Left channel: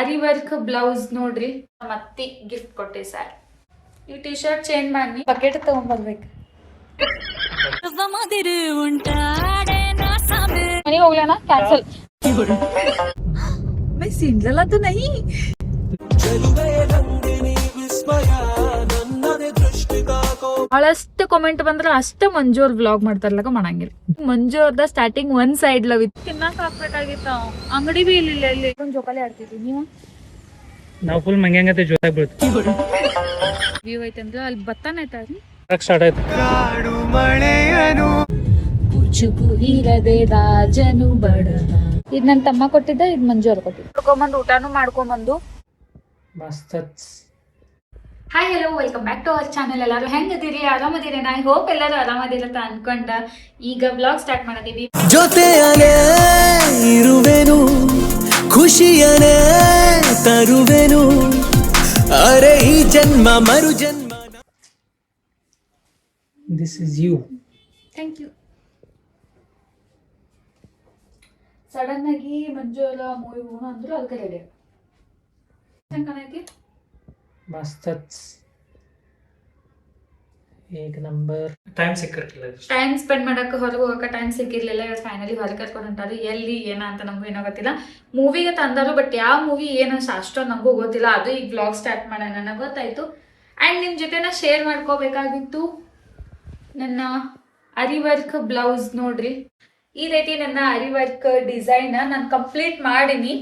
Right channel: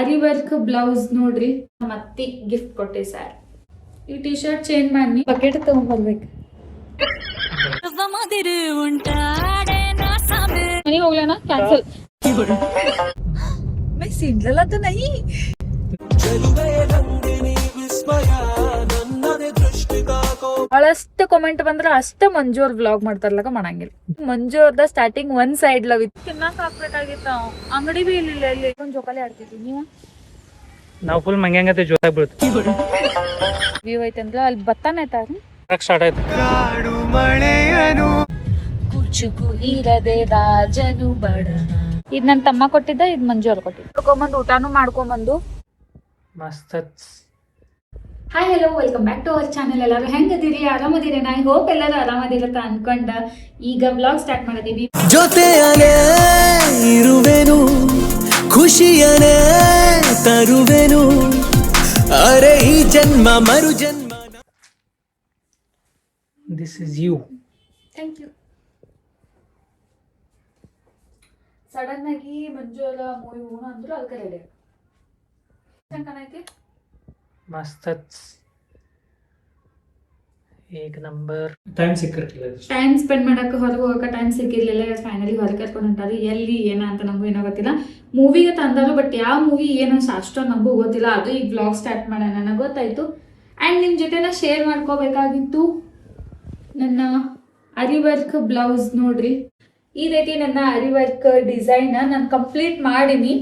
ಅರಿ work blouse ನೋಡ್ರಿ ಮತ್ತೆ gift ಕೊಟ್ಟೆ ಸರ್. ಈ ಟಿ ಶರ್ಟ್ ಚೇಂಜ್ ಮಾಡಿ ಬಕೆಟ್ ತಗೊಂಡ್ಬರ್ಬೇಕು. ಮನೆಗೆ ಹೋಗ್ಲಣ ಕ್ಯಾನ್ಸಲ್. मैं सिंडला तो नहीं. ಬಹಳಷ್ಟು ಕಾಮೆಂಟ್ ಬಂದ್ರೆ ಅಷ್ಟೇ ಮಂಜು ಅವ್ರ ವ್ಲಾಗ್ ಮಾಡ್ತಾರಲ್ಲ ಮಾಡಂಗಿಲ್ಲ. ಮಂಜು ಅವ್ರದ ಸ್ಟಾರ್ಟಿಂಗ್ ಒಂದ್ ಸೈಡ್ ಲವ್ ಇತ್ತು, ತಿನ್ನಕ್ ಹಾಕ್ಬೇಕಾಗಿತ್ತ. ಅಂಗಡಿ ಬಿ ಇಲ್ಲ ಇಲ್ಲಿ ಒಂದ್ ಜೋಕಾಲಿ ಆಡ್ತಿದ್ವಿ. ನೀವು ನಾವು ಫುಲ್ ಮಂಗ್ಯಾಂಗತೆ ಜೋತಾಗಿ ಬೀಳ್ತು. ವ್ಯೂ ಐತೆ ಅಂದ್ರೆ ಅಲ್ಲಿ ಬತ್ತಾನೆ ಐತಾರಿ ಸ್ಟಾರ್ಟ್ ಆಯ್ತು. ಇದ್ ನನ್ ತಮ್ಮ ಕೊಟ್ಟಿದ್ದ, ಇದ್ ಮಂಜು ಅವ್ರು ಕೊಟ್ಟಿದ್ದ. ಮಾಡ್ಕೊಂಬಂದು ಊಟಾನು ಮಾಡ್ಕೊಂಬಂದು ಮಸ್ತ್. Hi hello welcome back to our channel. ಎಲ್ಲರೂ ಹೆಂಗದಿರಿ? ಆರಾಮದಿರಿ? ಐ ಹೋಪ್ ಎಲ್ಲರೂ ಆರಾಮದಿರತ್ತ ಅನ್ಕೊಂಡ ಈಗ ವ್ಲಾಗ್ ಸ್ಟಾರ್ಟ್ ಮಾಡತೀವಿ. ಜೊತೆಯನೇ ಇರುವೆನು, ಖುಷಿಯನೇ ತರುವೆನು, ಅರೆ ಈ ಜನ್ಮ ಮರು ಜನ್ಮ. This is you. Thank you. Sudden ಆಗಿ ಮಂಜು ಎಲ್ಲ ಮೂವಿ ಹೋಗೋಣ ಅಂದ್ರು ಅದಕ್ಕೆ ರೆಡಿ. ಹೆಂಗ್ ಕಾಣೈತಿ? ಮಸ್ತ್. ಏಕ್ ನಂಬರ್. ಟೈಮ್ ಸಿಕ್ಕಿರ್ಲಿಲ್ಲ, ಟೈಮ್ ಸ್ಪೆಂಡ್ ಮಾಡಕ್ಕೆ ಹೊರಗೆ ಹೋಗಕ್ಕೆ ಟೈಮ್ ಸಿಕ್ಕಿರ್ಲಿಲ್ಲ. ಫೈನಲಿ ಹೊರಗೆ ಕರ್ಕೊಂಡು ಹೊಂಟಾರು. ಎಲ್ಲಿ ಏನ ಅಂತ ನಮಗೂ ಏನೋ ಗೊತ್ತಿಲ್ಲ. ಮೂವಿಗೆ ತಂದರು, ಬಟ್ ಯಾವ ಮೂವಿ ಏನು ಅಷ್ಟೊಂದು ನಮಗೂ ಗೊತ್ತಿಲ್ಲ. ಅದು ಈಗ ವ್ಲಾಗ್ ಸ್ಟಾರ್ಟ್ ಮಾಡೋಣ ನನಗೆ ಗೊತ್ತಾಯ್ತು. ಆ್ಯಂಡ್ ನಿಮ್ಮ ಜೊತೆ ನಾ ಶೇರ್ ಮಾಡ್ಕೋಬೇಕಾಗಿತ್ತು ನನ್ನ ಅರಿ ವರ್ಕ್ ಬ್ಲೌಸ್. ನೋಡ್ರಿ ಈ ರೀತಿ ನನ್ನ ಅರಿ ವರ್ಕ್ ಡಿಸೈನ್ ನಾನು ಕಂಪ್ಲೀಟ್ ಮಾಡೀನಿ.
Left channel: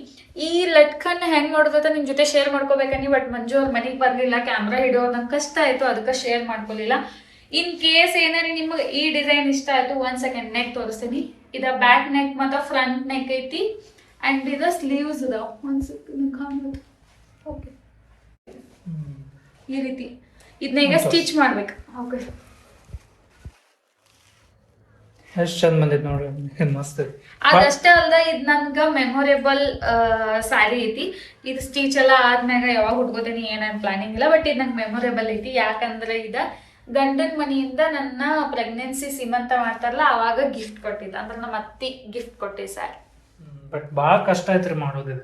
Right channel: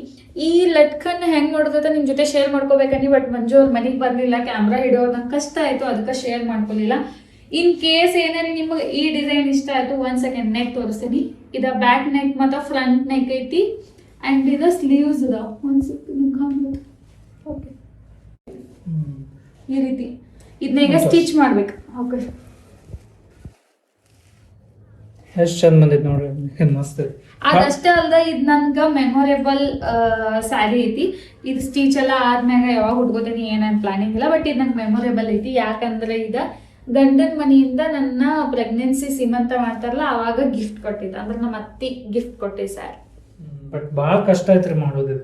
ಈ ಲಟ್ಕನ್ನ ಹೆಂಗ್ ನೋಡೋದ ನಿಮ್ ಜೊತೆ ಶೇರ್ ಮಾಡ್ಕೋಬೇಕನ್ನಿ, ಬಟ್ ಮಂಜು ಅವ್ರ ಮನೆಗೆ ಬರ್ಲಿಲ್ಲ. ಕ್ಯಾಮ್ರಾ ಹಿಡಿಯೋದು ನಂಗೆ ಕಷ್ಟ ಆಯ್ತು, ಅದಕ್ಕೆ ಶೇರ್ ಮಾಡ್ಕೊಲಿಲ್ಲ. ಇನ್ ಕೇಸ್ ಏನಾರಿ ನಿಮಗೆ ಈ ಡಿಸೈನ್ ಇಷ್ಟ ಆಯ್ತು, 1 ಸೆಕೆಂಡ್ ನೆಕ್ ತೋರಿಸ್ತೀನಿ. ಇದ ಬ್ಯಾಕ್ ನೆಕ್ ಮತ್ತು ಫ್ರಂಟ್ ನೆಕ್ ಐತಿ. ಅಂಡ್ ಇದ ಸ್ಲೀವ್ಸ್ ಇದಾವ. ಓಕೆ, ಈ ರೀತಿ ಇದನ್ನ ಈಗ ಸ್ಟಿಚ್ ಮಾಡ್ಬೇಕು. ಓಕೆ, ಎಷ್ಟು ಚಂದ ಬಂದೈತೆ ನೋಡ್ರಿ, ಮಸ್ತ್. ಅದಷ್ಟೇ ಅಲ್ದ ಇದ್ ನನ್ಗ ಮೆಮೊರೇಬಲ್ ಸ್ಯಾರಿ ಐತಿ. ಇದು ಸ್ಟಿಚ್ ಎಲ್ಲ ಆದ್ಮ್ಯಾಗ ಯಾವಾಗ ಹುಡ್ಕೋತೀನಿ ಏನೇನ್ ಪ್ಲಾನಿಂಗ್ ಇಲ್ಲ, ಬಟ್ ಇದು ನಂಗೆ ಮೆಮೊರೇಬಲ್ ಐತಿ. ಯಾಕಂದ್ರೆ ಇದ ಗಂಡನ ಮನೆಯಿಂದ ನನ್ನ ಪ್ರೆಗ್ನೆನ್ಸಿ ಸೀಮಂತ ಮಾಡ್ತಾರಲ್ಲ ಅವಾಗ ಗಿಫ್ಟ್ ಕೊಟ್ಟಿದ್ದ. ಅಂದ್ರೆ ನಮ್ಮ ಅತ್ತಿ ಗಿಫ್ಟ್ ಕೊಟ್ಟೆ ಸ್ಯಾರಿ. ಬಟ್ ಬಾಳ ಕಷ್ಟ ಐತ್ರಿ ಮಾಡೋದು,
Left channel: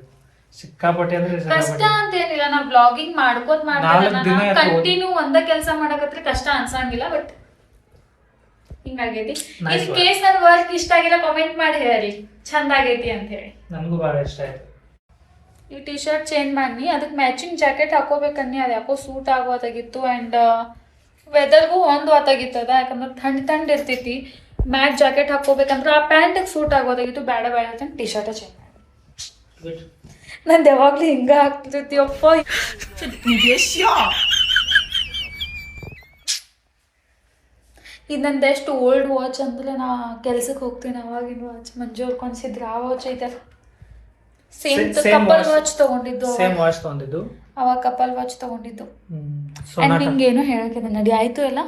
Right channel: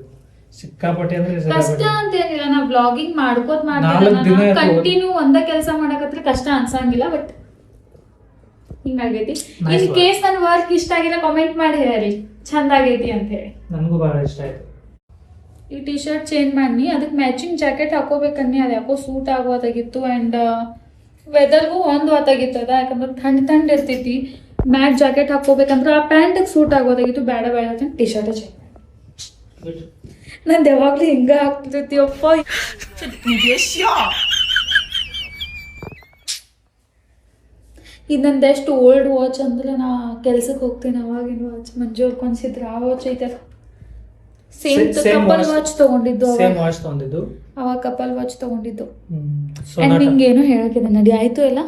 ಸಿಕ್ಕಾಪಟ್ಟೆ. ಅಂದ್ರೆ ಕಷ್ಟ ಅಂತ ಏನಿಲ್ಲ, ನಾ ಬ್ಲಾಗಿಂಗ್ ಮಾಡ್ಕೋತ ಮಾಡ್ತೀನಿ. ಕಂಟಿನ್ಯೂ ಒಂದ ಕೆಲಸ ಮಾಡಕತ್ರಿ ಕಷ್ಟ ಅನ್ಸಂಗಿಲ್ಲ. ಬಟ್ ಹಿಂಗಾಗೈತಿ. ಇನ್ ಕೇಸ್ ನನ್ ವರ್ಕ್ ಇಷ್ಟ ಆಗಿಲ್ಲ ಕಾಮೆಂಟ್ ಮಾಡಿ ಹೇಳಿ ಚಂದ ಆಗೈತಿ ಅಂತ ಹೇಳಿ. ನನಗೂ ಬಹಳ ಇಷ್ಟ ಆಯ್ತು. ಈ ಟಿ ಶರ್ಟ್ ಚೇಂಜ್ ಮಾಡಿ ಅದಕ್ಕೆ ಮ್ಯಾಚಿಂಗ್ ಜಾಕೆಟ್ ಹಾಕೋಬೇಕನ್ನಿ. ಅದು ಯಾಕೋ ಸೂಟ್ ಆಗೋದಾಗಿತ್ತು. ಅಂಡ್ ವೆದರ್ಗೂ ಹೊಂದುವತ್ತಾಗಿತ್ತು ಅದ, ಯಾಕಂದ್ರೆ ಥಂಡ್ ಇರ್ತೈತಿ. ಮ್ಯಾಟ್ ಜಾಕೆಟ್ ಹಾಕೋಬೇಕಂದ್ರೆ ಆ ಪ್ಯಾಂಟಿಗೆ ಸೂಟ್ ಆಗೋದಾಗಿತ್ತು. ಬೇಡ ಅಂತ ಟಿ ಶರ್ಟ್ ಚೇಂಜ್ ಮಾಡಿ. ನಂದು ಯಾವಾಗ್ಲೂ ಹಿಂಗ ಆಗ್ತೈತಿ ಅಪ್ಪ. ಇನ್ನೊಂದೆಷ್ಟು ಓಲ್ಡ್ ವಾಚ್ ಅಂದ್ರೆ ನಾ ಕೆಲ್ಸಕ್ಕೆ ಹೋಗ್ತೀನಿ ಅವಾಗಿನ ವಾಚ್. ಮಂಜು ಅವ್ರು ಕೊನ್ಸಿದ್ರು ಆ ವಾಚ್ ಐತೆ. ಸೇಮ್ ಕಪಲ್ ವಾಚ್ ತಗೊಂಡಿದ್ದು ಅವಾಗ ಕಪಲ್ ವಾಚ್ ತಗೊಂಡಿದ್ದು. ಅಂಡ್ ನಿಂಗೇನು ಹೇಳಕ್ಕಿದೆ ನಡಿ ಆಯ್ತು ಎಲ್ಲ.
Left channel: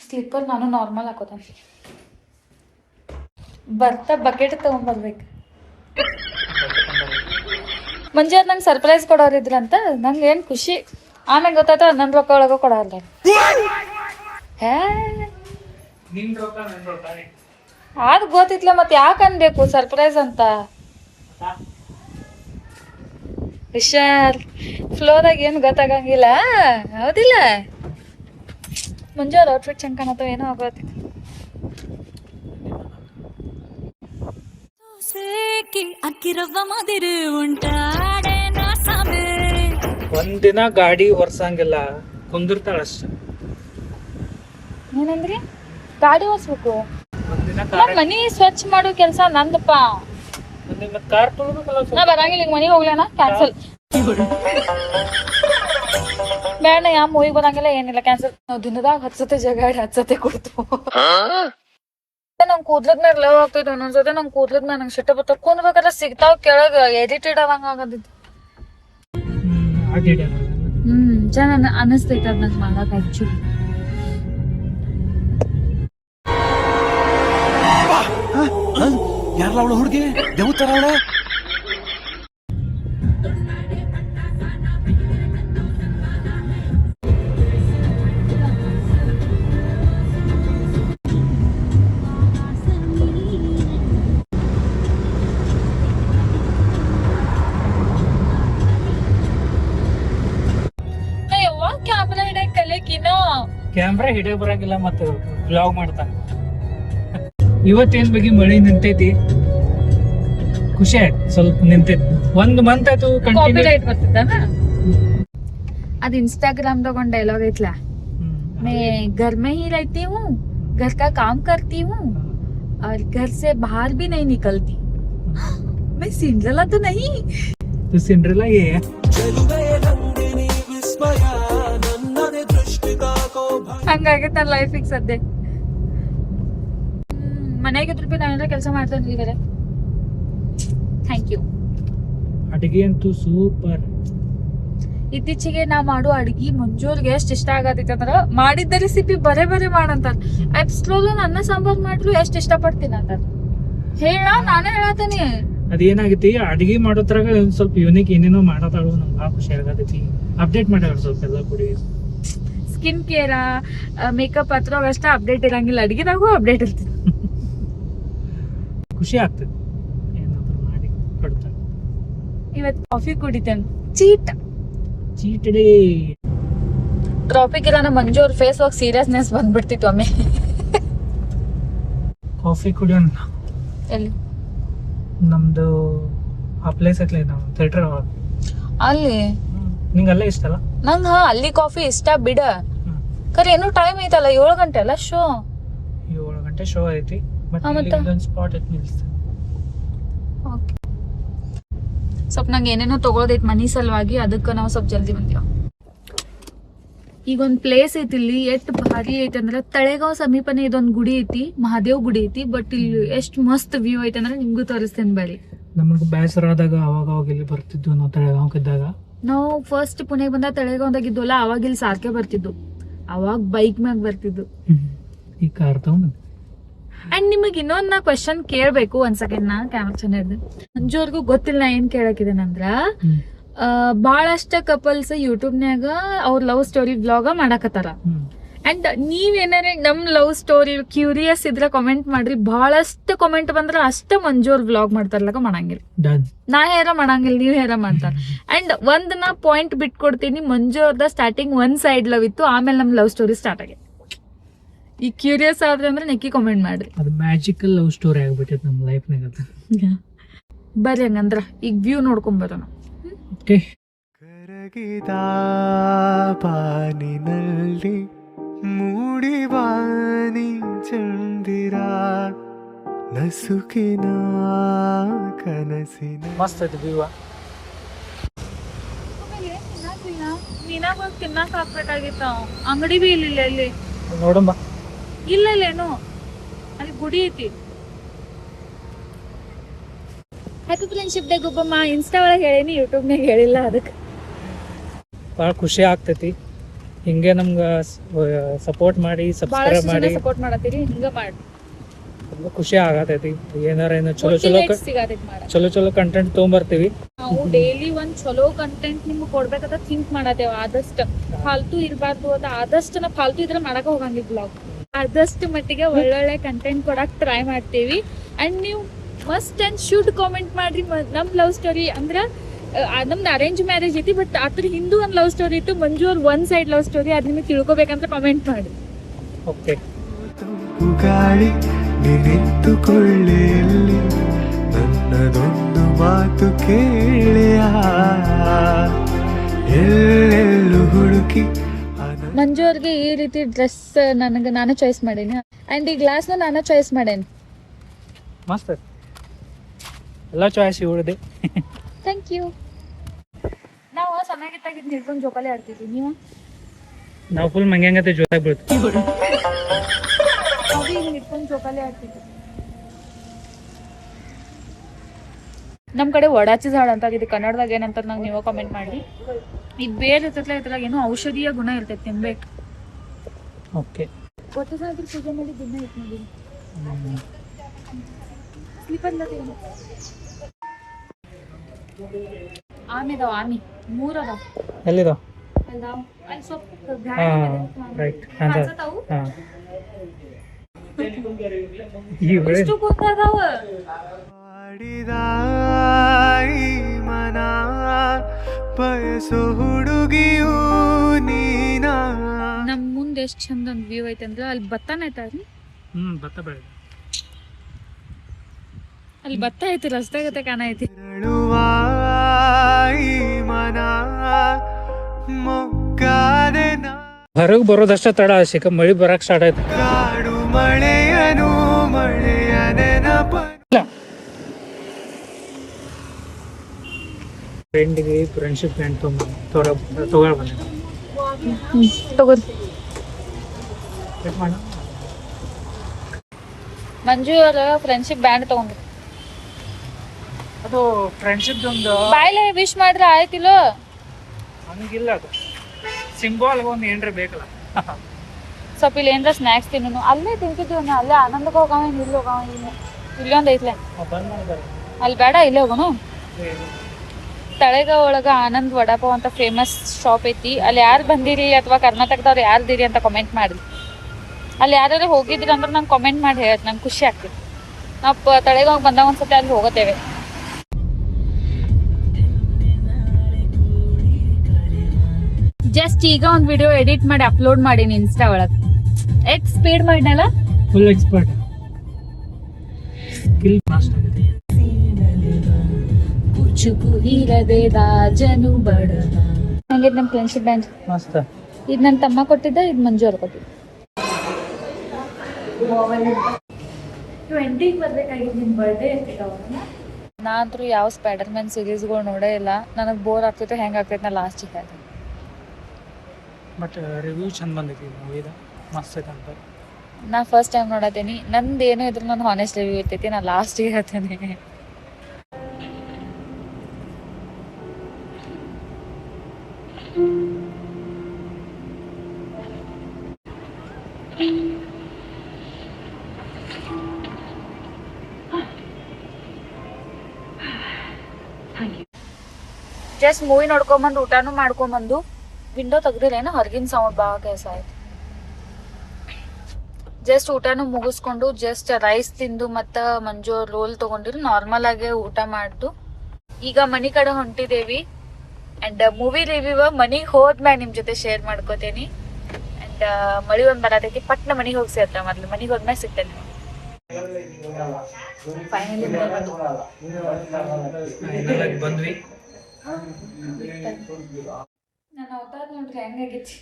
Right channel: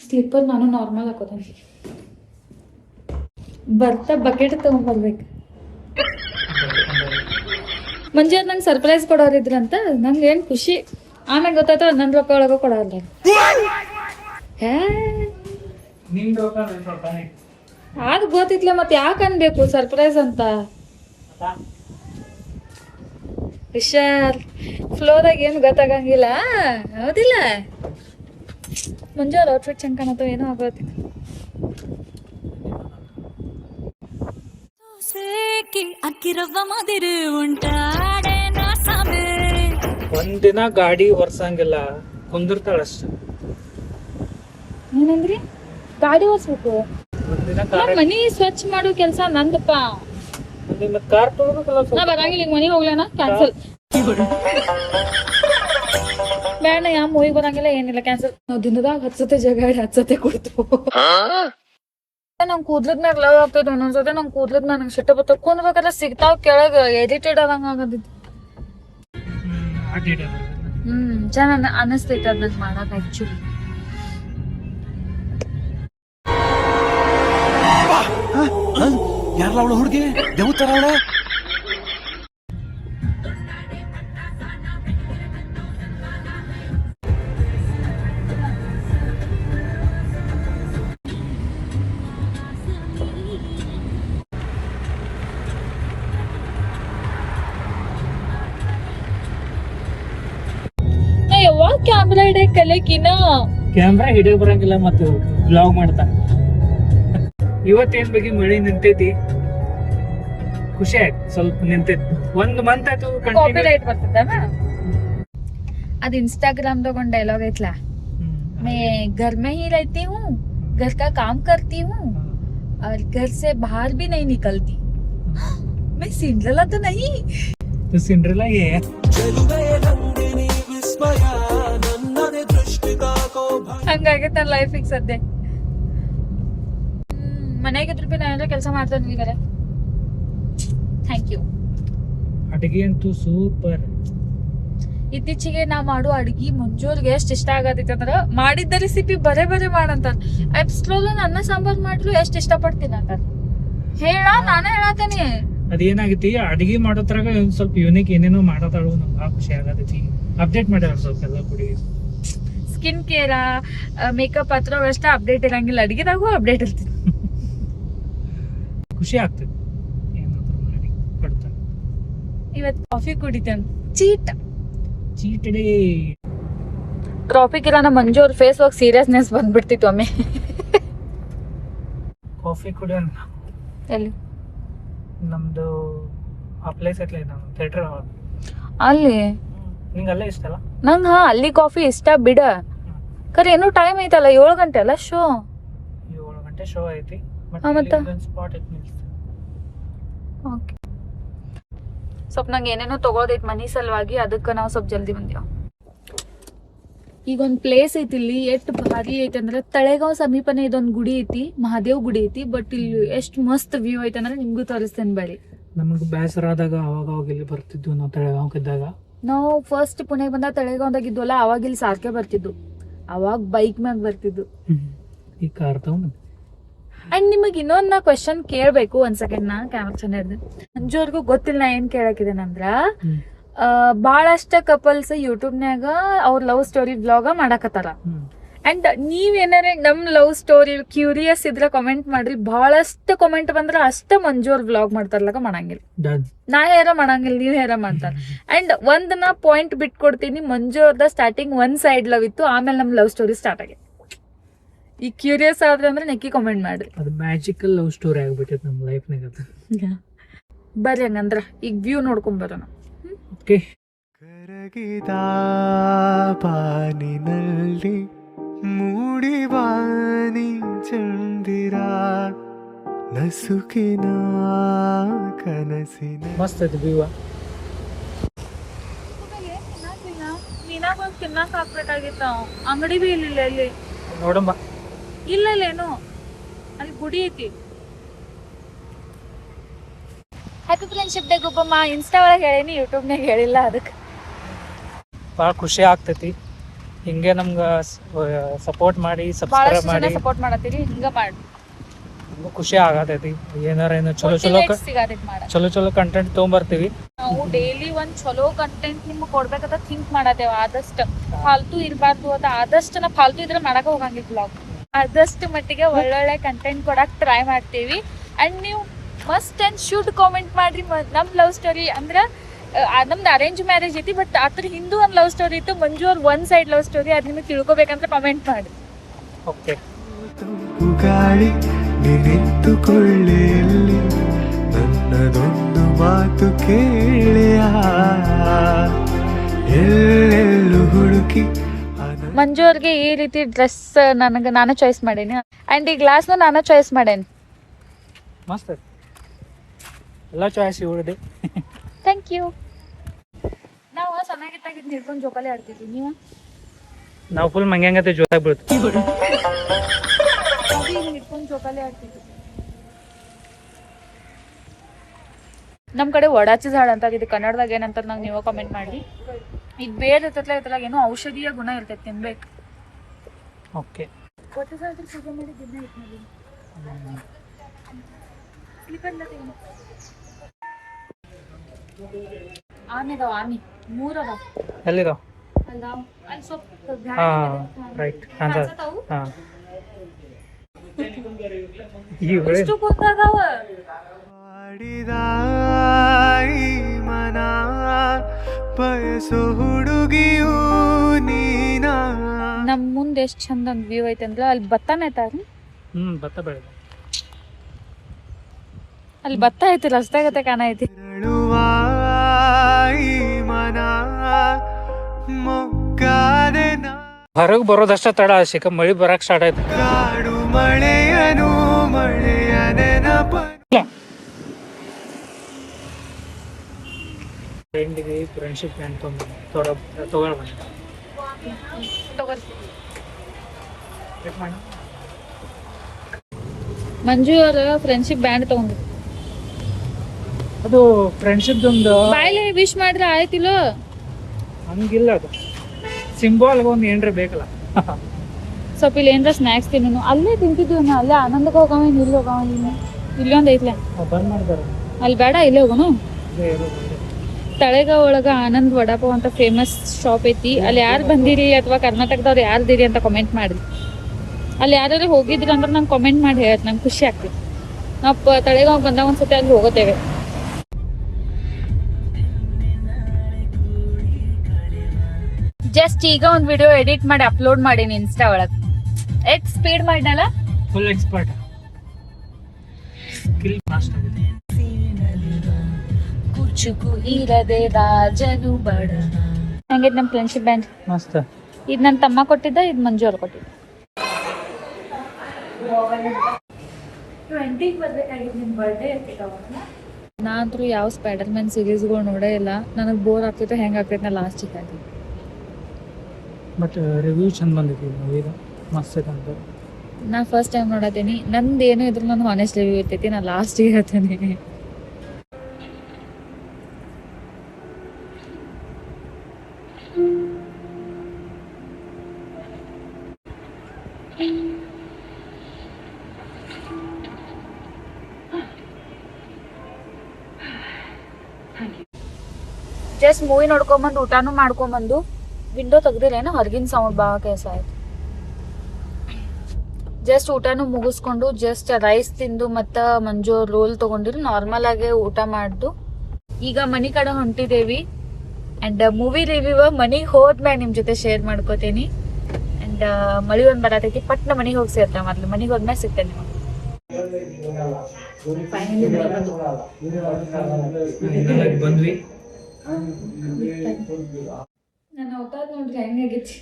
ಸ್ಲೀಪರ್ ನಾನು ನಾರ್ಮಲ್ ಹಾಕೋತೀನಿ. ಬರ್ತಾ ಬಕೆಟ್ ತಗೊಂಡ್ಬರ್ಬೇಕು. ಮಂಜು ಅವ್ರು ನಂಗೆ ಸರ್ಪ್ರೈಸ್ ಕೊಡೋರಿದ್ರಂತ. ನಂಗೆ ಏನು ಖುಷಿ. ಆಮೇಲೆ ಗೊತ್ತಾಯ್ತು ನನ್ನ ರೊಕ್ಕ ಒಳಗೆ ಕೊಡೋಲ್ಲ. ಅದು ಗೊತ್ತಿತ್ಲ, ಮತ್ತೆ ಯಾಕೆ ಅನ್ಬೇಕು ಸರ್ಪ್ರೈಸ್ ಅಂತ. ವಿಶಾಲ್ ಫ್ಲೋದಾಗ ಏನು ಗೊತ್ತಾಗಂಗಿಲ್ಲ, ಹೌದಿಲ್ಲ? ಮುಂಜಾನೆ ಅವ್ರ ಔಟ್ಫಿಟ್ ಚಂದ ಕಾಣತ್ತವ, ಏನೋ ಆಗೋತಿ. ಒಂದಿನ ಗಾಡಿ ಒರ್ಸಂಗಿಲ್ಲ, ಕುಂದಿರ್ತಾಳಷ್ಟ. ಏನಂದ್ರಿ? ಗಾಡಿ ಓಡಿಸ್ಬೇಕು. ಮನಿ ಸ್ವಚ್ಛ ಮಾಡೋ ಕೆಲಸ ನಂದಪ್ಪ. ನಾ ಬರಂಗಿಲ್ಲ, ಈಗ ಮನೆಗೆ ಹೋಗ್ಲೇನ ಕ್ಯಾನ್ಸಲ್. ಬೇಡ, ಯಾವ ಮೂವಿಗೆ ಬರಂಗಿಲ್ಲ, ಏನಿಲ್ಲ, ಕ್ಯಾನ್ಸಲ್. ನಾವು ದಿನದಾಗ 10 ಸತಿ ಜಗಾಡಿ 10 ಸತಿ ಕೊಡ್ತು. ನಂಗೆ ಕೂದ್ಲದ ಮೇಲೆ ಲವ್ ಆಗ್ತೈತೆ. ಒಂದೊಂದ್ಸತಿ ನಂಗೆ ಕೂದ್ಲದ ಮೇಲೆ ನಂಗೆ ಸಿಟ್ಟ ಬತ್ತ. ಕುಂದ್ಬೇಕಾದ್ರೆ ಸಿಗ್ತಾವ ಕೆಳಗ ಎಡಿಟೆಡ್ ಆದಂಗ ಆಗದಿತ್ತು. ಚೆನ್ನಾಗಿ ಅನಿಸ್ತೈತೆ ಅದ್ ನಂಗೆ ಮಾಡಕ್. ಆಕ್ಚುಲಿ ಯಾರಲ್ಲ ಅವಳು ಹುಡುಗಿ ದೇವತರ ಅವಳ. ಕ್ಯಾಮ್ರಾ ಹಿಡಿಯಕ್ ಕಲಿಕಿನ ಕ್ಯಾಮ್ರಾ ಹಿಡಿಯೋ ಬರಂಗಿಲ್ಲ ಮತ್ತೆ ಬ್ಲಾಗ್ ಮಾಡ್ತಾನ. ಇವತ್ತೇನ್ ಬಗ್ಗೆ ಮಳಿ ನಿಂತೈತಿ, ಖುಷಿ ಆಯ್ತು. ಸ್ವಲ್ಪ ನಿಂತೈತಿ, 1 ಮಂತ್ ಆಯ್ತು ಕಂಟಿನ್ಯೂ. ಕಾಪಿರೈಟ್ ಬರ್ತದನ. ಅದ್ ಇನ್ಸ್ಟಾಗ್ರಾಮ್ ದಾಗ ಒಂದ್ ಡೈಲಾಗ್ ಐತ್ಲ, मैं घर में ही रहती हूँ, घर का काम करती हूँ और घर से बाहर भी नहीं निकलती. मैं सिंड्रेला तो नहीं. तू सिंड्रेला ये है. ಹಂಗಾಗೈತೆ ನನ್ನ ಲೈಫ್ ಈಗ ಸದ್ಯ. ಮನೆಗೆ ರೂಪಾಯಿ ನಾನೆಲ್ಲ ಕೆಲಸ ಮಾಡ್ತಾನೆ ಈಗ. Thank you. ಅಡಿಗೆ ಅಂತೂ ಸೂಪರ್. ಇತ್ತೀಚೆಗೆ ನಾ ಮಾಡೋ ಅಡ್ಗಿ ಮಂಜೂರ್ಗೆ ಎಷ್ಟು ಇಷ್ಟ ಆಗತೈತೆ ಅಂದ್ರ, ಮಾಡಿದ್ದ ರೆಸಿಪಿ ಬರೇ ಮಾಡಂತಾರ. ಎಪ್ಸ್ಲೋಲು ನನ್ನ ಸಾಂಬಾರ್ ಮಾಡ್ರು ಎಷ್ಟು ಇಷ್ಟಪಡ್ತೀನಿ ಅಂತ ನಾನೇ ಹೇಳತೀನಿ. ಅದೇನಾಗೈತಿ, ಅಡಿಗೆ ಮಾಡೋದ್ರಾಗ ಒಂದ್ ಸ್ವಲ್ಪ ಯೂನಿಕ್ ಏನೇನೋ ಮಾಡೋದಾಳು, ನಂಗೆ ಭಾಳ ಖುಷಿ ಆಗತೈತಿ. ಅಪ್ಡೇಟ್ ಮಾಡ್ಯಾರ ಸ್ವಲ್ಪ ಎಲ್ಲ ಕುಡಿ. ಸ್ಕಿನ್ ಕೇರ ಮೇಕಪ್ ಹತ್ರ ಅಷ್ಟ ಅಪ್ಡೇಟ್ ಇರಂಗಿಲ್ಲ, ಅಡಿಗೆದಾಗೂ ಅಪ್ಡೇಟ್ ಇರ್ತೀನಿ. ಖುಷಿ ಆಗ್ತದೆ ಏನಾದ್ರು ಮಾಡಿ ಕೊಡ್ತಾನೆ. ಇವತ್ತು ಕಾಫಿ ಕುಡಿತೇನೆ. Cheat day. ಟ್ರಾಫಿಕ್ ಇರೋ ನಮ್ಮ ಮಂಜು ಅವ್ರ ಫೇಸ್ ಹೋಗಿ ಸೀರಿಯಸ್ನೆಸ್ ಬಂದ್ಬಿಡ್ತಿತ್ತು ಒಮ್ಮೆ. ಕಾಫಿ ಕುಡಿಯೋಣ. ಎಲ್ಲಿ? ನಮ್ದು ಆ ಪ್ಲೇಸ್ ಐತ್ಲೆ, ನಮ್ಮ ಥಿಯೇಟರ್ ಅಲ್ಲಿ. ನಿಂಗೆ ಅಲ್ಲೇ ಇಷ್ಟ ಅಲ್ಲ? ನಂಗೆ ಅಲ್ಲಿ ಕಾಫಿ ಇಷ್ಟ ಬಿಡ. ಕರೆ ಏನೋ ಟೈಮ್ ಐತಲ್ಲ, 7 ಗಂಟೆ ಅಲ್ಲ ಶೋ. 7 ಗಂಟೆ ಶೋ ಐತಿ. ಮತ್ತೆ ಒಂದು ಸ್ಪಾಟ್ ಐತಿ ನಿಲ್ಸ್ತೇನೆ. ಸ್ವಲ್ಪ ನಂಗೆ ಏನೇನೋ ತಗೊಳ್ದೈತಿ ಮನಿ ಸಲುವಾಗಿ, ಅದಕ್ಕೆ ನಾವು ಸ್ವಲ್ಪ ಜಲ್ದಿ ಬಂದೇವು. ಈಗ ಒಂದು ಪ್ಲೇಸ್ ಐತಿ ಇಲ್ಲಿ, ಎಷ್ಟು ಭಾರಿ ಐತಿ ಅಂದ್ರೆ ತಳೆಗಾವ್ ಸಮೀಪನೇ ಇದೊಂದು ಗುಡಿ ಐತಿ, ಮಹಾದೇವ್ ಗುಡಿ ಐತಿ. ಬಟ್ ಇಲ್ಲಿ ಎಷ್ಟು ಮಸ್ತ್ ವ್ಯೂ ಐತಿ ಅಂದ್ರೆ ನಿಮ್ಗೂ ತೋರಿಸ್ತೇನೆ ಬರೀ. ನಮಗೆ ಬೇಸರ ಆದಾಗ ಅವಾಗ ಇಲ್ಲಿ ಬರ್ತಿದ್ವು ನಾವು ತಳೆಗಾವ್ಕಿದ್ದಾಗ. ನಾವು ಫಸ್ಟ್ ಪುಣೆಗೆ ಬಂದಾಗ ತಳೆಗಾವ್ದಾಗ ಇದ್ವಲ್ಲ, ಅವಾಗ ಇಲ್ಲಿ ಸಾರ್ಕೆ ಬರ್ತಿದ್ವು. ಅವಾಗ ಬೈಕ್ ಮ್ಯಾಗ ಬರ್ತಿದ್ವು. ಈ ಕಾರ್ ತಗೊಂಡು. ಅಂಡ್ ನಿಮಗೆ ಇನ್ನೊಂದ್ ನಾ ಕ್ವೆಶನ್ ಕೇಳ್ಬೇಕು. ಒಂದ್ ಸೆಕೆಂಡ್, ನಾ ಕ್ಯಾಮರಾ ಚೆನ್ನಾಗಿದೆ. ಮಂಜುವರ್ಗೂ ಗೊತ್ತಿಲ್ಲ ನಾ ಏನ್ ಕೇಳಕಿದೇನಂದ್ರ, ಬಹಳಷ್ಟ ಕಪಲ್ಸ್ ಯೂಟ್ಯೂಬ್ನ್ಯಾಗ ಅವ್ರ ಲವ್ ಸ್ಟೋರಿ ವ್ಲಾಗ ಮಾಡಾಕತ್ತಾರ. ಅಂಡ್ ನೀವೇನಾರ ನಮ್ ಲವ್ ಸ್ಟೋರಿ ಕ್ಯೂರಿಯಸ್ ಇದ್ರೆ ಕಾಮೆಂಟ್ ಮಾಡ್ರಿ. ಬಹಳಷ್ಟು ಕಾಮೆಂಟ್ ಬಂದ್ರ ಅಷ್ಟ ಮಂಜು ಅವ್ರ ವ್ಲಾಗ್ ಮಾಡ್ತಾರಲ್ಲ, ಮಾಡಂಗಿಲ್ಲ. ನಾ ಹೇರ ಮಾಡಂಗಿಲ್ಲ, ನೀವ್ ಹೇರ ಮಾಡ್ತಾರ. ಅಂಡ್ ಒಂದ್ ನಾ ಪಾಯಿಂಟ್ ಬಿಟ್ಕೊಡ್ತೀನಿ, ಮಂಜು ಅವ್ರದ ಸ್ಟಾರ್ಟಿಂಗ್ 1 ಸೈಡ್ ಲವ್ ಇತ್ತು, ಆಮೇಲೆ ನಮ್ ಲವ್ ಸ್ಟೋರಿ ಸ್ಟಾರ್ಟ್ ಆಗಿದೆ. ಈ ಕ್ಯೂರಿಯಸ್ ಆದ್ರೆ ಅಂದ್ರೆ ನೆಕ್ಕಿ ಕಾಮೆಂಟ್ ಮಾಡ್ರಿ. ಅದು ಮ್ಯಾಜಿಕಲ್ ಲವ್ ಸ್ಟೋರಿ ಆಗ್ಬಿಟ್ಟೈತೆ ನಮ್ಮ ಲೈಫ್ನಾಗ. ಬರ್ರಿ ಹಂಗಂದ್ರ ಈಗ ವ್ಯೂ ನೋಡ್ಕೊಂಡ್ ಬರೋಣ. ಓಕೆ. ಕರಗಿದ ಪಾನಿನಲ್ಲಿ ಮೂಡಿವಾನಿ ಚಂದಿರ ನಸುಕಿನ ಕನಸಿನ. ಮಸ್ತ್ ಐತಿ ವ್ಯೂ. ನೀನಾಗ ಹೋಗಿ ತಿನ್ನಾಕ ಹಾಕ್ಬೇಕಾಗಿತ್ತ, ಅಂಗಡಿ ಬಿ ಇಲ್ಲ ಇಲ್ಲಿ. ನೋಡಂಬ. ಇಲ್ಲ ಏನೋ ಅಲ್ಲಿ ಗುಡಿ ಐತಿ. ಹ್ಯಾಪಿ ಫ್ರೆಂಡ್ಶಿಪ್ ಡೇ ಗುಬ್ಬಮ್ಮ. ಇನ್ಸ್ಟಾ ಒಳಗೆ ಹೇಳೀನಿ, ಯೂಟ್ಯೂಬ್ನಾಗ ಹೇಳಿಲ್ಲ. ಅದಕ್ಕೆ ಭಾಳ ಖುಷಿ ಆಗ್ತೈತಿ. ಹಿಂಗೆ ನಮ್ಗೆ ಸಪೋರ್ಟ್ ಮಾಡಿ, ಸಬ್ಸ್ಕ್ರೈಬ್ ಮಾಡಿ, ಸಪೋರ್ಟ್ ಮಾಡತ್ತೀರಿ. ಹಿಂಗ ಮಾಡಿ ಖುಷಿ ಆಗತೈತಿ. ಏನಾರ ಚಲೋ ಕಂಟೆಂಟ್ ತೊಗೊಂಬರ್ತೀವಿ. ನಾವು ಡೈಲಿ ಒಂದ್ ಚಲೋ ಕಂಟೆಂಟ್ ನಿಮ್ಗೆ ಕೊಡ್ಬೇಕಂತ ಥಿಂಕ್ ಮಾಡತ್ತೇವ. ಆದಷ್ಟು ಫಾಲ್ತು ಇರಬಾರ್ದು ಅಂತ, ಆದಷ್ಟು ನಾ ಫಾಲ್ತು ಇದ್ರೆ ಮಾಡಕ ಹೋಗಂಗಿಲ್ಲ ಬ್ಲಾಗ್. ಆದಷ್ಟು ಮಟ್ಟಿಗೆ ಒಳ್ಳೊಳ್ಳೆ ಕಂಟೆಂಟ್ ಕೊಡಕ್ ಟ್ರೈ ಮಾಡ್ತೀವಿ. ಅಂಡ್ ನೀವು ಮಸ್ಟ್ ಅಂಡ್ ಶುಡ್ ಕಾಮೆಂಟ್ ಮಾಡ್ರಿ. ನಮ್ ಲವ್ ಸ್ಟೋರಿ ಅಂದ್ರ ನಮ್ದು ಅರೇಂಜ್ ಮ್ಯಾರೇಜ್ ಐತಿ, ಬಟ್ ಅದ್ರ ಹಿಂದೂ ಒಂದ್ ಲವ್ ಸ್ಟೋರಿ ಇತ್ತು. ಮಂಜು ಅವ್ರ 1 ಸೈಡ್ ಲವ್ ಸ್ಟೋರಿ, ಅದ್ ನಿಮಗೆ ತಿಳ್ಕೊಬೇಕಂತ ಕಾಮೆಂಟ್ ಮಾಡಿ. ಓಕೆ. ಗಾಳಿ ನಿಂತುಕೊಳ್ಳೆಯಲ್ಲಿ ನನ್ನದೊಂದು ಮಾತು ಕೇಳೆಯ ಎಲ್ಲೆಲ್ಲೂ ಹುಡುಕಿ. ಮಂಜು ಅವ್ರಿಗೆ ಈ ರೀತಿ ಡ್ರೆಸ್ ನಾನೇ ಚಾಯ್ಸ್ ಮಾಡೇನಿ. ಅಂಡ್ ಈ ಗ್ಲಾಸ್ ನಾನೇ ಚಾಯ್ಸ್ ಮಾಡೇನಿ. ಮಸ್ತ್ ಎಲ್ಲ ಚಾಯ್ಸ್ ಇವಳದೆ. Thank you. ನಾವು ಚೆನ್ನಾಗಿತ್ತಾಗ ನಿಡ್ಕೊಂಡು ಜೋಕಾಲಿ ಆಡ್ತಿದ್ವಿ. ನಾವು ಫುಲ್ ಮಂಗ್ಯಾಂಗತೆ ಜೋತಾಗಿ ಬೀಳ್ತು. ಹಿಡ್ಕೊಂಡು ಜೋಕಾಲಿ ಆಡ್ತಿದ್ವಿ. ನಮ್ ಕಡೆ ವಡಾಚಿ ಝಾಡ್ ಅಂತ ಇದು ಕನ್ನಡದಾಗ ಏನಂತ ನಂಗೆ ನೀವು ಕಾಮೆಂಟ್ ಮಾಡಿ. ಇದು ಬೇರೆ ಇರ್ತೈತಲ್ಲ, ಇದ್ರಾಗ ಏನೋ ಔಷಧೀಯ ಗುಣ ಇರ್ತೈತಿ, ತಿನ್ಬೇಕು. ಓಕೆ. ಕೊಟ್ಟು ಸಾದ್ರ ಪೂಜೆ ಮಾಡಿ ದಿನ ಇಟ್ಟು ನೋಡಿ. ಆಮೆ ಅದಾವ, ಆಮಿ 3 ಅದಾವ. ಎಲ್ಲಿದಾವ? ಅಲ್ಲಿ ಸ್ವಲ್ಪ ರೈಟ್. ಎಷ್ಟು ಗೊತ್ತಾದವ. ಮಾಡಿದ ಮನ ಬಯಸೋ ಹುಡುಗಿಯೂ ನೀನಾ. ನಮ್ ಮುಂದೆ ಎಷ್ಟ್ ಚಂದ ಒಂದ್ ವ್ಯೂ ಐತೆ ಅಂದ್ರೆ ಅಲ್ಲಿ ಭತ್ತನ ಐತಾರ, ಭತ್ತ ಬೆಳೆದ ಅಲ್ಲಿ ಭತ್ತ ಐತಿ, ರಸ್ತೆಗತೆ ಕಾಣ ಐತಿ. ಅರಳುವ ಈ ಮನ ಮೊಗ್ಗಾದೆ ನಾ. ಹೊರಗೆ ಬರೋದಷ್ಟ ತಡ ಆಶಿಕ ಮಳಿ ಬರಕ್ ಸ್ಟಾರ್ಟ್ ಆಯ್ತು. ಕಾಡು ಮಳೆಯನು ಮಳೆಯ ನೆನಪ. ಫ್ರೆಂಡಿಗೆ ಫ್ರೆಂಡ್ಶಿಪ್ ಫ್ರೆಂಡ್ ತಗೊಳ್ ಬನ್ನಿ. ತಗೋರಿ. ಮಂಜು ಅವ್ರ ಫ್ರೆಂಡ್ಶಿಪ್ ಬ್ಯಾಂಡ್ ತಗೊಂಡ್ರು. ಅದು ಫ್ರೆಂಡ್ಶಿಪ್ ಒಂದು ಬಾಯ್ಲೆ ವಿಶ್ ಮಾಡ್ರೆ ಆಯ್ತಿಲ್ಲ. ಹಂಗಿಲ್ಲ, ಅದು ಸಿಂಬಾಲ್ ಒಂದು ಏನ್ರ ಬೇಕಲ್ಲ. ಸ್ವಲ್ಪ ಇಲ್ಲಿ ಏನ್ರ ಸ್ನ್ಯಾಕ್ಸ್ ತಿನ್ನು. ಅಲ್ಲೇ ತಿಂತಿದ್ವಿ, ಅಲ್ಲೇ ಆನಂದಕ್ಕೆ ಹೋಗವ, ಇಲ್ಲಿ ಹೋಗವ, ಇಲ್ಲೊಂದ್ ಐತ್ಲ ಬಂದ್ ಮಾಡಿದಾರೆ ಅಲ್ಲಿ ಬೇಡ, ಇಲ್ಲೇ ಹೋಗೋಣ. ತಳೆಗ ಒಳಗ ಆನಂದ್ ವಡಾಪಾವ್ ಅಂತ ಫೇಮಸ್ ಶಾಪ್ ಐತಿ. ಅಲ್ಲಿ ಯಾರು ಬಂದಿರಿ ಅಥವಾ ಕರ್ನಾಟಕದವ್ರು ಯಾರ್ದಿರಿ ಅಂತ ಕಮೆಂಟ್ ಮಾಡ್ರಿ. ಅಲ್ಲಿ ಯಾರು ಹೋಗಿದ್ರಿ ಅಂದ್ರೆ ನಂಗೆ ಕಮೆಂಟ್ ಮಾಡಿ ಹೇಳತ್, ನಂಗೆ ಖುಷಿ ಆಗ್ತೈತಿ. ನಾವು ತಳೆಗಾವ್ ಬಂದಾಗ ಒಂದ್ಸತಿ ಅಲ್ಲಿ ಹೋಗುತ್ತೇವೆ. ಜಸ್ಟ್ ಈಗ ಒಂದು ವಿಡಿಯೋ ಎಡಿಟ್ ಮಾಡಿ ಅಪ್ಲೋಡ್ ಮಾಡೀನಿ ಇನ್ಸ್ಟಾ ಒಳಗೆ. ಎಷ್ಟ್ ಸ್ಪೀಡ್ ಮಾಡಿನಲ್ಲ, ಫುಲ್ ಎಕ್ಸ್ಪರ್ಟ್, ಸ್ಕಿಲ್ ಮಾಸ್ಟರ್. ಹಂಗೈತ್ ನಮ್ ಫ್ರೆಂಡ್ಶಿಪ್ ಬ್ಯಾಂಡ್. ಮಸ್ತ್. ಇದು ನನ್ನ ತಮ್ಮ ಕೊಟ್ಟಿದ್ದ, ಇದು ಮಂಜು ಅವ್ರು ಕೊಟ್ಟಿದ್ದ. 20ಗೆ ಬರ್ಬೇಕಾಗಿತ್ತು, ನಿಮ್ ಬರ್ಡೇ ಇರ್ತಿತ್ತು ಅವಾಗ. ನಾನಂತೂ ಯಾವ ಸ್ಪೈಡರ್ ಮ್ಯಾನ್ ಸೀರೀಸ್ಗಳು ನೋಡೇ ಇಲ್ಲ. ನನಗೆ ಬೋರ್ ಆಗ್ತೈತೆ, ಹೆಂಗೆ ಆಗ್ತೈತೆ ನಾ ಲಾಸ್ಟಿಗೆ ಹೇಳ್ತೀನಿ. ಬಟ್ ರಿವ್ಯೂ ಚಂದ ಬಂದೈತಿ ಮೂವಿದ, ಮಸ್ತ್ ಐತೆ ಅಂತ. ನಾ ಫಸ್ಟ್ ಟೈಮ್ ನೋಡತ್ತೀನಿ. ನಂದು ಏನೋ ಇದ್ರು ನಾನು ಹಾನೆಸ್ಟ್ ರಿವ್ಯೂ ಇರ್ತೈತಿ, ನಾ ಲಾಸ್ಟಿಗೆ ಹೇಳ್ತೀನಿ. ಜಸ್ಟ್ ಮೂವಿ ನೋಡ್ಕೊಂಬಂದು ಊಟನೂ ಮಾಡ್ಕೊಂಬಂದು ವಿಂಡೋ ತೆಗ್ದಿರೇನು ಹೊರಗಿನ ಸೌಂಡ್ ಭಾಳ ಕೆಲಸ ಆಯ್ತು. ಜಸ್ಟ್ ಊಟನೂ ಮುಗಿಸ್ಕೊಂಡು ಜಸ್ಟ್ ರೈಸ್ ತಿಂದು ಮತ್ತು ಮಂಜು ರೋಲ್ ತೊಗೊಂಡಿರು. ನಾರ್ಮಲ್ ಆಗಿ ಊಟ ಮಾಡ್ದು ಈಗ ಮನೆ ಕಡೆ ಹೊಂಟಿದ್ದೇವಿ. ಆ್ಯಂಡ್ ಮೂವಿ ರಿವ್ಯೂ ಮನೆಗೆ ಹೋದ್ಮ್ಯಾಗ ನಿಮ್ಮ ಜೊತೆ ಶೇರ್ ಮಾಡ್ಕೋತೀನಿ. ಆ್ಯಂಡ್ ಮಳಿ ಒಂದು ಬರತೈತಿ, ಪಟ್ನ ಮನೆಗೆ ಹೋಗಿ ಸೇರ್ತಾವೆ. ಮೊದಲು ಮನೆಗೆ ಹೋದ್ಮ್ಯಾಗ ಸಿಗ್ತೇನೆ ನಿಮಗೆ. ಫೈನಲಿ ಬಂದ್ವಿ. ನನ್ನ ಅವತಾರ ನೋಡ್ರಿ ಹೆಂಗಾಗೈತಿ.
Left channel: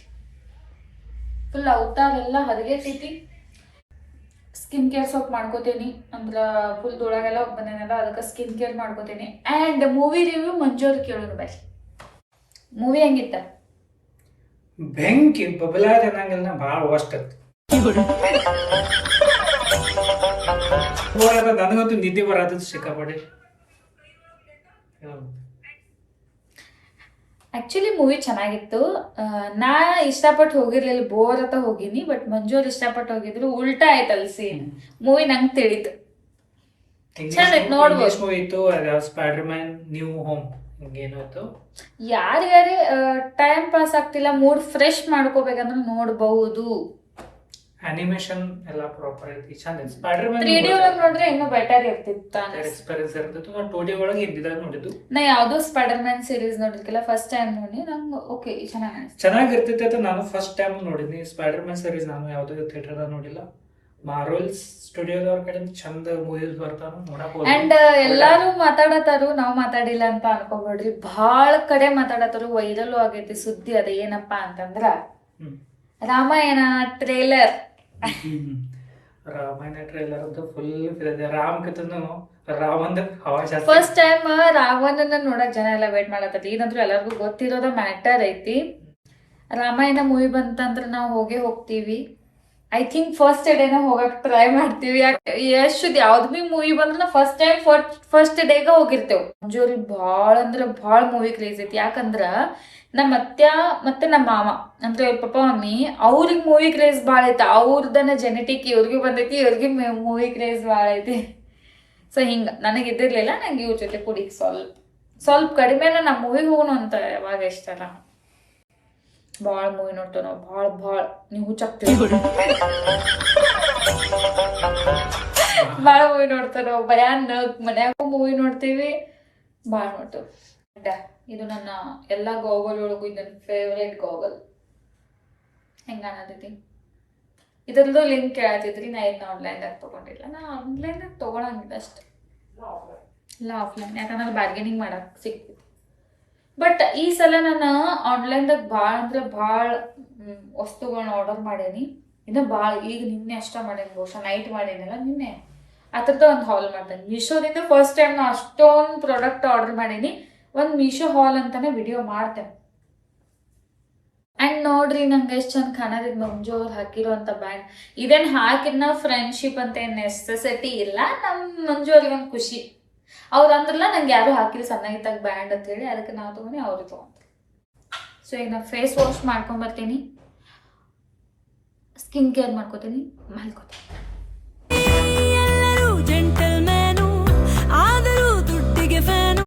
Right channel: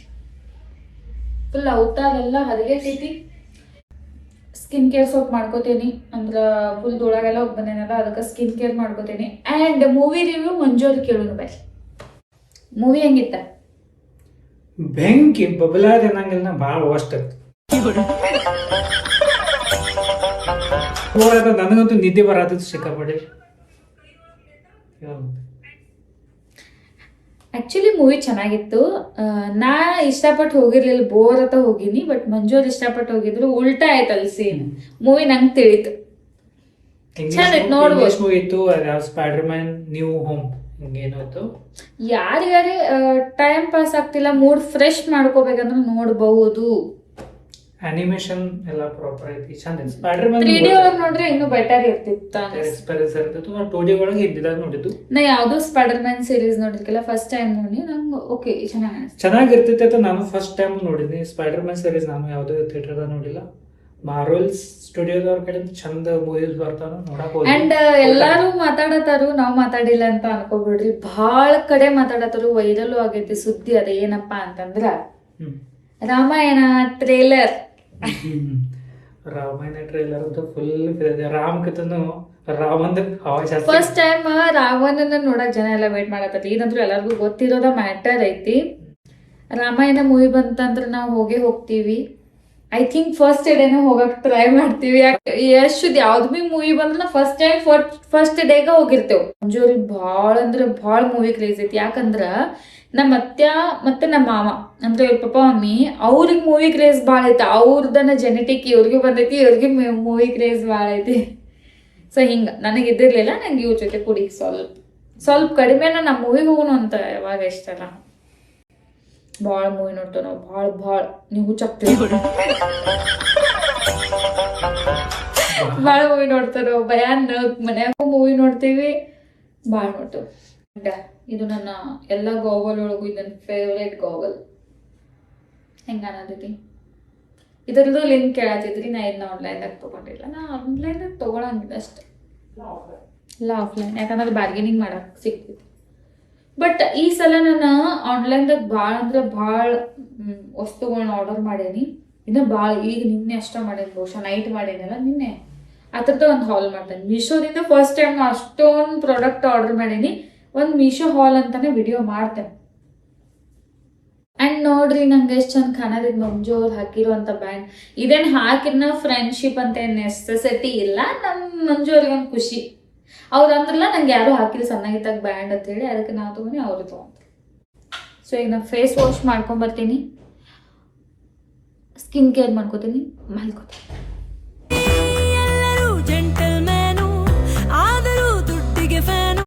ಫುಲ್ ಅವತಾರೆಲ್ಲ ಹದಗೆಟ್ಟೈತಿ. ಸ್ಕಿನ್ ಕೇರ್ ಸೋಪ್ ಮಾಡ್ಕೋತೀನಿ, ಅಂದ್ರೆ ಫುಲ್ ಧೂಳಾಗೆಲ್ಲ ಹೋಗಿ ಬಂದೇನಲ್ಲ, ಅದಕ್ಕೆ ಸ್ಕಿನ್ ಕೇರ್ ಮಾಡ್ಕೋತೀನಿ. ಆ್ಯಂಡ್ ಮೂವಿ ರಿವ್ಯೂ ಮಂಜೂರು ಕೇಳೋಣ ಬರ್ರಿ. ಮೂವಿ ಹೆಂಗಿತ್ತ? ಬೆಂಕಿ ಬಬಲಾದ ಅನ್ನಂಗಿಲ್ಲ, ಭಾಳ ವರ್ಸ್ಟ್ ಐತಿ. ನನಗಂತೂ ನಿದ್ದೆ ಬರತ್ತ ಸಿಕ್ಕಾಪಡಿ. ಆ್ಯಕ್ಚುಲಿ ಮೂವಿ ಚೆನ್ನಾಗಿತ್ತು. ನಾ ಇಷ್ಟಪಟ್ಟು ಹೋಗಿರ್ಲಿಲ್ಲ, ಬೋರ್ ಅಂತ ಹೋಗಿನಿ. ಬಟ್ ಮಂಜು ಅವ್ರು ಇಷ್ಟಪಟ್ಟು ಹೋಗಿದ್ರು, ಉಲ್ಟಾ ಆಯ್ತಲ್ಲ ಸೀನ್. ಮೂವಿ ನಂಗೆ ತಿಳಿತು, ಚಂದ ನೋಡ್ಬೋದು. ಮೂವಿ ಇತ್ತು, ಸ್ಪೈಡರ್ ಮ್ಯಾನ್ ನ್ಯೂ ಹೋಮ್ ಹಿಂಗೇನಾಯ್ತು. ಯಾರ್ಯಾರೇ ಟೈಮ್ ಪಾಸ್ ಆಗ್ತಿಲ್ಲ, ಮೂಡ್ ಫ್ರೆಶ್ ಮಾಡ್ಕೋಬೇಕಂದ್ರೆ ನೋಡ್ಬಹುದು. ಅನಿಮೇಷನ್ ಎಲ್ಲ ಪ್ರಾಪರ್ ಐತಿ, ಚಂದ. ಸ್ಪೈಡರ್ ಮ್ಯಾನ್ 3D ಒಳಗೆ ನೋಡ್ರೆ ಇನ್ನೂ ಬೆಟರ್ ಇರ್ತಿತ್ತು. ಎಕ್ಸ್ಪೀರಿಯನ್ಸ್ ಇರ್ತಿತ್ತು. ನಾ 2D ಒಳಗೆ ಇದ್ದಿದಾಗ ನೋಡಿದ್ದು. ನಾ ಯಾವ್ದು ಸ್ಪೈಡರ್ ಮ್ಯಾನ್ ಸೀರೀಸ್ ನೋಡಿರ್ಕಿಲ್ಲ, ಫಸ್ಟ್ ಟೈಮ್ ನೋಡಿ. ನಂಗೆ ಓಕೆ ಚೆನ್ನಾಗಿ ಅನಿಸ್ತು. ಚೆನ್ನಾಗಿರ್ತಿತ್ತು ಅಂತ ನಾನು ಫಸ್ಟ್ ಟೈಮ್ ನೋಡಿದ್ನಿ. ಸ್ಪೈಡರ್ ಮ್ಯಾನ್ ಸೀರೀಸ್ ನಾನು ಯಾವುದೋ ಥಿಯೇಟರ್ ನೋಡಿಲ್ಲ. ಮಾರ್ವೆಲ್ಸ್ ಸ್ಟುಡಿಯೋದವ್ರ ಕಡೆಯಿಂದ ಚಂದ ಮೂವೀಸ್ ಬರ್ತಾವ, ನೋಡಕ್ ಹೋಗಿ. ಅಂಡ್ ಎಲ್ಲಾರು ಮಾತಾಡತಾರು, ನಾವ್ ಮಾತಾಡಿಲ್ಲ ಅಂತ ಅನ್ಕೋಬೇಡ್ರಿ. ಭಾಳ ಕಡೆ ಮಾತಾಡತಾರು, ವೈರಲ್ ಆಗೈತಿ ಸುದ್ದಿ. ಅದ ಏನಪ್ಪಾ ಅಂತಂದ್ರ ರಾಮಾಯಣ ಟ್ರೇಲರ್. ರಾಮಾಯಣ ಟ್ರೇಲರ್ ಅಂತ ಫುಲ್ ರಾಮಕಥನು ರಾಮಂದ ಫಸ್ಟ್ ಟೈಮ್ ರಾವಣನ ನೋಡಕ್ ಜನ ಎಲ್ಲ ವೇಟ್ ಮಾಡತ್ತೈತಿ. ಇದಂತೂ ಎಲ್ಲರಿಗೂ ಗೊತ್ತಿರೋದ ಮ್ಯಾಟರ್ ಐತಿ. ರಾಮಾಯಣ ಮೂವಿ ಬಂತಂದ್ರೆ ನಾವು ಹೋಗ್ತೀವಿ. ಐ ಥಿಂಕ್ ಫಸ್ಟ್ ಡೇನ ಹೋಗಕ್ ಟ್ರೈ ಮಾಡ್ತೀವಿ. ಎಷ್ಟು ಯಾವ್ದು ಭೀ ಮೂವಿ ಬಂದ್ರೆ ಫಸ್ಟ್ ಟೈಮ್ ಫಸ್ಟ್ ಡೇಗ ಹೋಗಿರ್ತೇವೆ. ಮಂಜೂರಿಗೆ ಭಾಳ ಅಂದ್ರೆ ಭಾಳ ಮೂವಿ ಕ್ರೇಜ್ ಐತಿ. ಯಾಕಂದ್ರ ನಮ್ಮ ಅತ್ಯ ಮತ್ತೆ ನಮ್ಮ ಮಾಮ ಅಂದ್ರೆ ಇವ್ರ ಪಪ್ಪ ಮಮ್ಮಿ ಅವ್ರಿಗೆ ಮೂವಿ ಕ್ರೇಜ್ ಭಾಳ ಐತಿ. ಅವ್ರದನ್ನ ಜೆನೆಟಿಕ್ ಇವ್ರಿಗೆ ಬಂದೈತಿ, ಇವ್ರಿಗೆ ಮೂವಿ ಕ್ರೇಜ್ ಭಾಳ ಐತಿ. ಸೊ ಹಿಂಗೆ ನನಗೆ ಇದ್ದಿರ್ಲಿಲ್ಲ. ನಂಗೆ ಇವ್ರ ಜೊತೆ ಕೂಡಿ ಸ್ವಲ್ಪ ಕಡಿಮೆನ ನಮ್ಮ ಮೂವಿಗೆ ಹೋಗೋಣ ಅಂತ ಯಾವಾಗ ಇಷ್ಟಲ್ಲ. ಭಾಳ ಮೂವಿ ನೋಡ್ತೇವೆ ನಾವು, ಭಾಳ ನೀವು ಹುಚ್ಚಾಗ್ತೀವಿ. ಭಾಳ ಮೂವಿ ನೋಡ್ತಾರ. ಭಯಾನ್ ಮನ್ಯಾಗ ಮೂವಿ ನೋಡ್ತೀವಿ, ಭಾಳ ನೋಡ್ತೇವೆ. ಇದು ನನ್ನ ಎಲ್ಲ ಗೋಗಲ್ ಒಳಗೂ ಇದು ನನ್ನ ಫೇವ್ರೇಟ್ ಗೋಗಲ್. ಹೆಂಗೆ ಅನ್ನೋದೈತಿ ಇದ್ರದ್ದು ಲಿಂಕ್ ಕೇಳತ್ತಿದ್ರಿ. ನಾ ಇದನ್ನ ಆನ್ಲೈನ್ದಾಗ ತೊಗೊಂಡಿಲ್ಲ. ನಾ ಆನ್ಲೈನ್ದಾಗ ತೊಗೊಳಂಗಿಲ್ಲ ಅಷ್ಟೆ, ಇಲ್ಲ ಆಫ್ಲೈನ್, ಯಾಕಂದ್ರೆ ಬಾರ್ಗೇನಿಂಗ್ ಮಾಡಕ್ಕೆ ಸಿಗ್ತೈತಿ. ಬಟ್ ಈ ಸಲ ನಾನು ಆನ್ಲೈನ್ದಾಗ ಭಾಳ ಅಂದ್ರೆ ಭಾಳ ವಸ್ತುಗಳನ್ನ ಆರ್ಡರ್ ಮಾಡೇನಿ. ಇನ್ನು ಭಾಳ ಈಗ ನಿನ್ನೆ ಅಷ್ಟ ಮಾಡೇನಿ, ಬಹುಶಃ ನೈಟ್ ಮಾಡೇನಲ್ಲ ನಿನ್ನೆ. ಆ ಥರದ ಒಂದು ಹಾಲ್ ಮಾಡ್ತೇನೆ ಮೀಶೋದಿಂದ. ಫಸ್ಟ್ ಟೈಮ್ ನಾನು ಅಷ್ಟೊಂದು ಪ್ರಾಡಕ್ಟ್ ಆರ್ಡರ್ ಮಾಡೀನಿ. ಒಂದು ಮೀಶೋ ಹಾಲ್ ಅಂತಾನೆ ವಿಡಿಯೋ ಮಾಡ್ತೇನೆ. ಆ್ಯಂಡ್ ನೋಡ್ರಿ ನಂಗೆ ಎಷ್ಟು ಚಂದ ಕಾಣೋದಿದ್ ಮಂಜು ಅವ್ರು ಹಾಕಿರೋಂಥ ಬ್ಯಾಂಡ್. ಇದೇನು ಹಾಕಿದ್ನ ಫ್ರೆಂಡ್ಶಿಪ್ ಅಂತ ಏನು ನೆಸೆಸಿಟಿ ಇಲ್ಲ, ನಮ್ಮ ಮಂಜು ಅವ್ರಿಗೆ ಒಂದು ಖುಷಿ. ಅವ್ರು ಅಂದ್ರಲ್ಲ ನಂಗೆ ಯಾರು ಹಾಕಿಲ್ಲ ಸಣ್ಣಗಿದ್ದಾಗ ಬ್ಯಾಂಡ್ ಅಂತೇಳಿ, ಅದಕ್ಕೆ ನಾವು ತೊಗೊಂಡು ಅವರು ತೊಗೊಂಡ್ರು. ಸೊ ಈಗ ನಾನು ಫೇಸ್ ವಾಶ್ ಮಾಡ್ಕೊಂಬರ್ತೀನಿ, ಸ್ಕಿನ್ ಕೇರ್ ಮಾಡ್ಕೋತೀನಿ, ಮಲ್ಕೋತೀನಿ. ಎಲ್ಲರೂ ಜೆಂಟಲ್ಮ್ಯಾನು ಆದರೂ ದುಡ್ಡಿಗೆ ಫ್ಯಾನ್.